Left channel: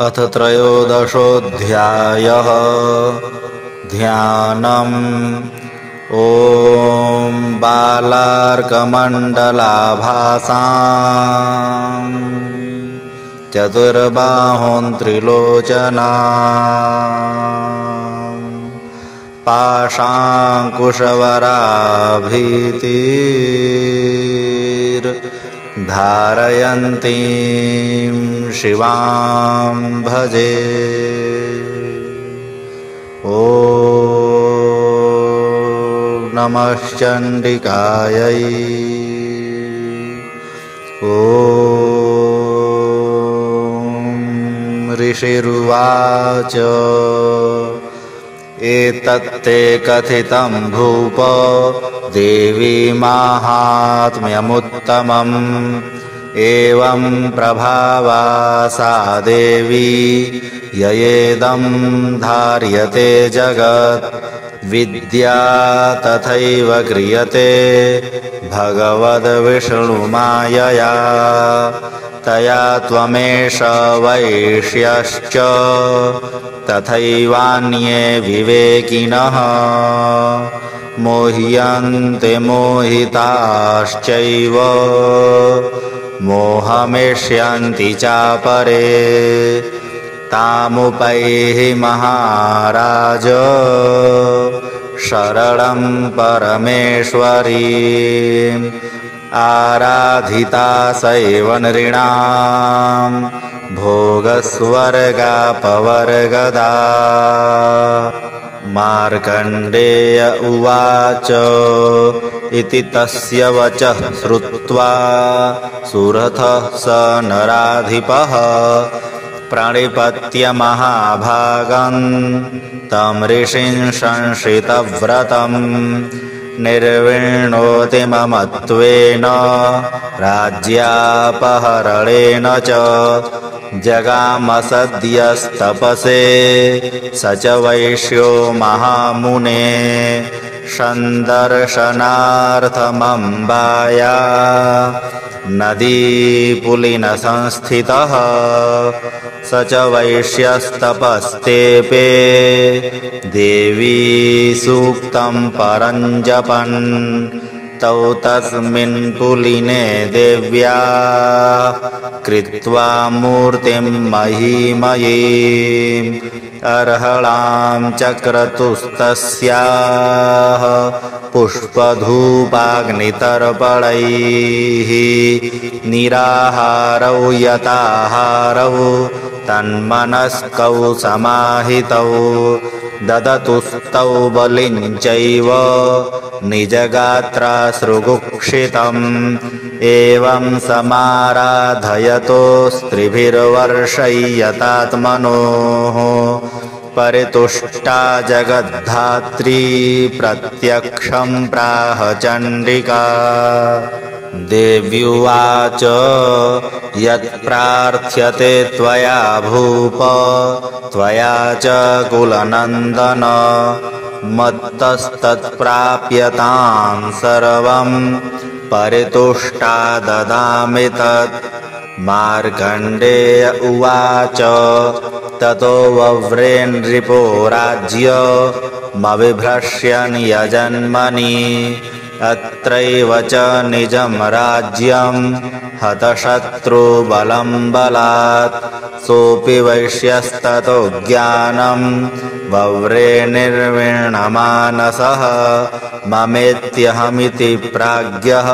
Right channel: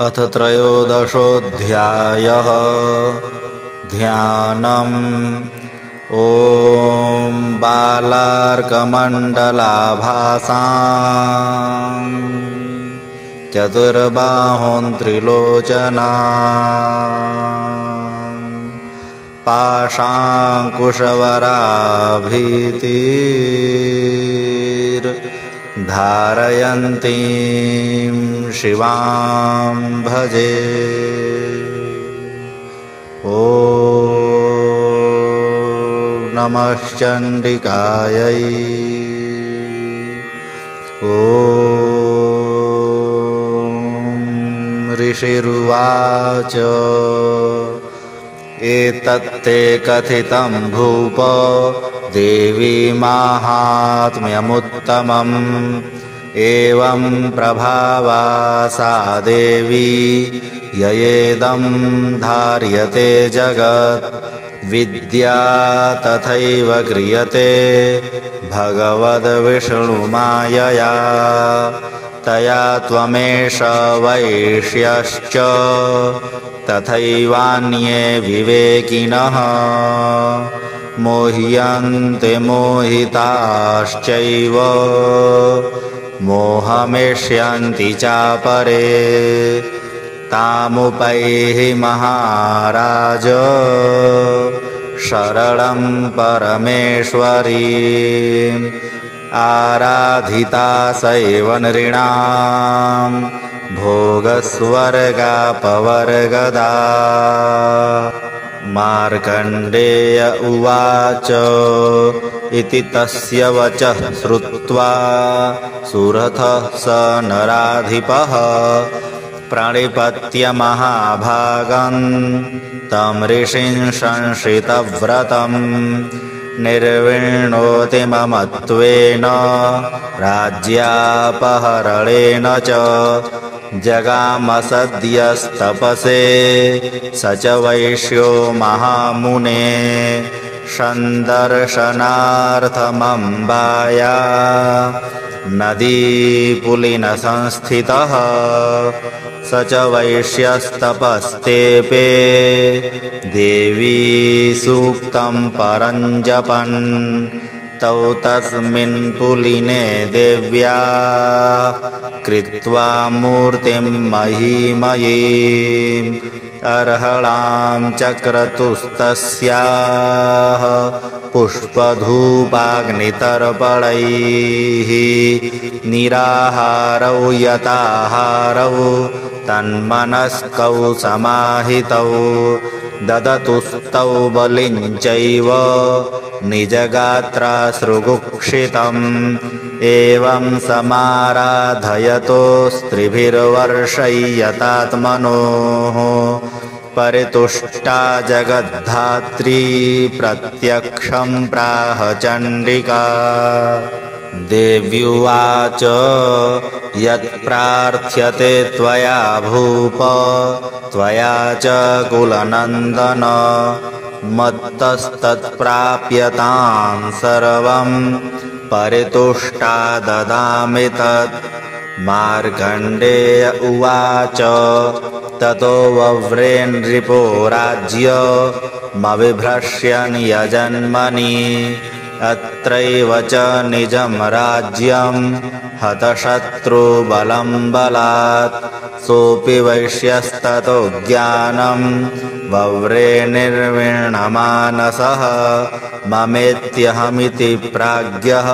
अथ त्रयोदशोऽध्यायः ध्यानम्। ॐ बालार्कमण्डलाभासाम् चतुर्बाहुं त्रिलोचनाम् पाशाङ्कुशवराभीतिर्धारयन्तीं शिवां भजे। ॐ नमश्चण्डिकायै। ॐ ऋषिरुवाच एतत्ते कथितं भूप देवी माहात्म्यमुत्तमम्। एवं प्रभावा सा देवी ययेदं धार्यते जगत्। विद्या तथैव क्रियते भगवद्विष्णुमायया। तया त्वमेष वैश्यश्च तथैवान्ये विवेकिनः। मोह्यन्ते मोहिताश्चैव मोहमेष्यन्ति चापरे। तामुपैहि महाराज शरणं परमेश्वरीम्। आराधिता सैव नृणां भोगस्वर्गापवर्गदा। मार्कण्डेय उवाच इति तस्य वचः श्रुत्वा सुरथः स नराधिपः प्रणिपत्य महाभागं तं ऋषिं संश्रितव्रतम्। निर्विण्णोति ममत्वेन राज्यापहरणेन च। जगामसद्यस्तपसे स च वैश्यो महामुने। सन्दर्शनार्थमम्बाया नदीपुलिनसंस्थितः। स च वैश्यस्तपस्तेपे देवी सूक्तं परं जपन्। तौ तस्मिन् पुलिने देव्या कृत्वा मूर्तिं महीमयीम्। अर्हणां चक्रतुस्तस्याः पुष्पधूपाग्नितर्पणैः। निराहारौ यताहारौ तन्मनस्कौ समाहितौ। ददतुस्तौ बलिं चैव निजगात्रा सृगुक्षितम्। एवं समाराधयतो स्त्रिभिर्वर्षय्यतात्मनोः। परितुष्टा जगद्धात्री प्रत्यक्षं प्राह चण्डिका। देव्युवाच यत्प्रार्थ्यते त्वया भूप त्वया च कुलनन्दन। मत्तस्तत्प्राप्यतां सर्वं परितुष्टा ददामि तत्। मार्कण्डेय उवाच ततो वव्रे नृपो राज्यमविभ्रश्यन् यजन्मनि। अत्रैव च निजं राज्यं हतशत्रुबलं बलात्। सोऽपि वैश्यस्ततो ज्ञानं वव्रे निर्वीणमानसः। ममेत्यहमिति प्राज्ञः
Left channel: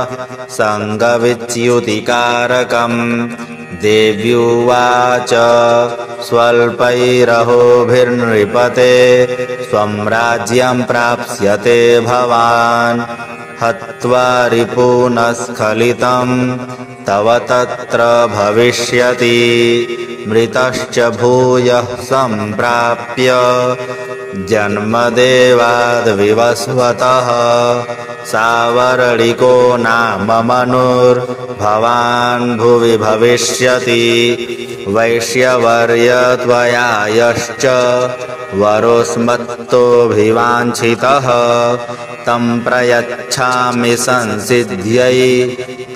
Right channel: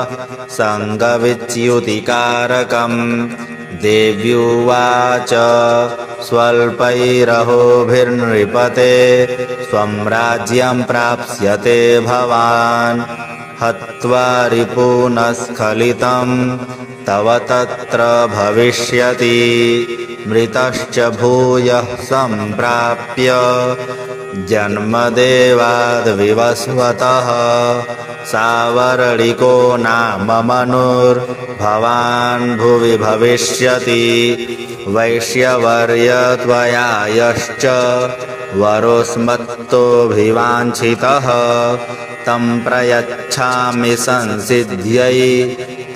सङ्गविच्युतिकारकम्। देव्युवाच स्वल्पैरहोभिर्नृपते स्वं राज्यं प्राप्स्यते भवान्। हत्वा रिपूनस्खलितं तव तत्र भविष्यति। मृतश्च भूयः सम्प्राप्य जन्मदेवाद्विवस्वतः। सावर्णिको नाम मनुर्भवान् भुवि भविष्यति। वैश्यवर्य त्वया यश्च वरोऽस्मत्तोऽभिवाञ्छितः। तं प्रयच्छामि संसिद्ध्यै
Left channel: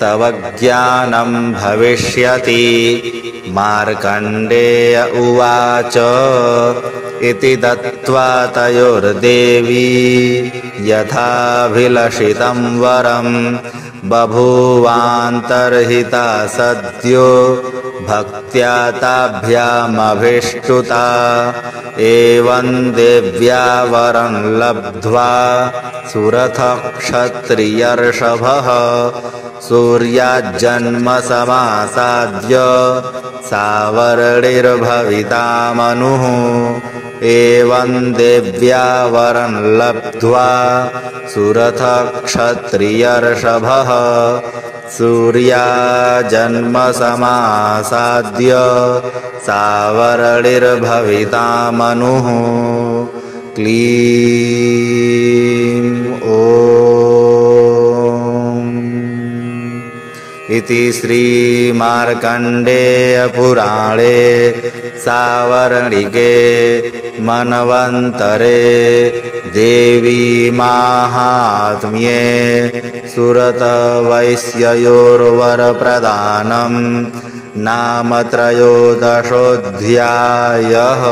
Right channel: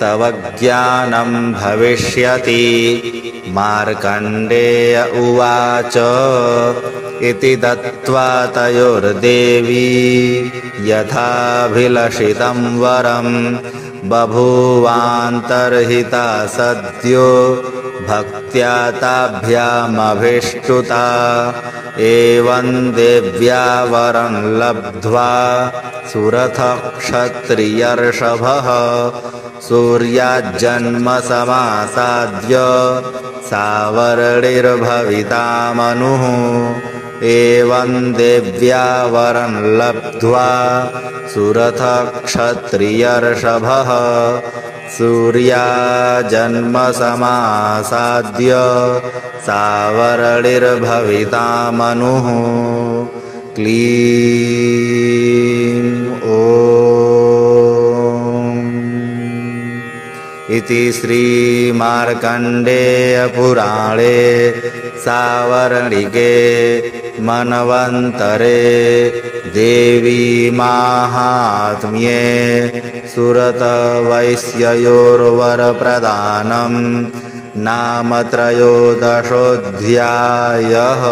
तव ज्ञानं भविष्यति। मार्कण्डेय उवाच इति दत्त्वा तयोर्देवी यथाभिलषितं वरं बभूवान्तर्हिता सद्यो भक्त्या ताभ्यामभिष्टुता एवं देव्या वरं लब्ध्वा सुरथक्षत्रियर्षभः सूर्याज्जन्म समासाद्य सावर्णिर्भविता मनुः एवं देव्या वरं लब्ध्वा सुरथक्षत्रियर्षभः सूर्याजन्म समासाद्य सावर्णिर्भविता मनुः क्लीं ॐ इति श्रीमार्कण्डेयपुराणे सावर्णिके मन्वन्तरे देवी माहात्म्ये सुरतवैश्ययोर्वरप्रदानं नाम 13 अध्यायः।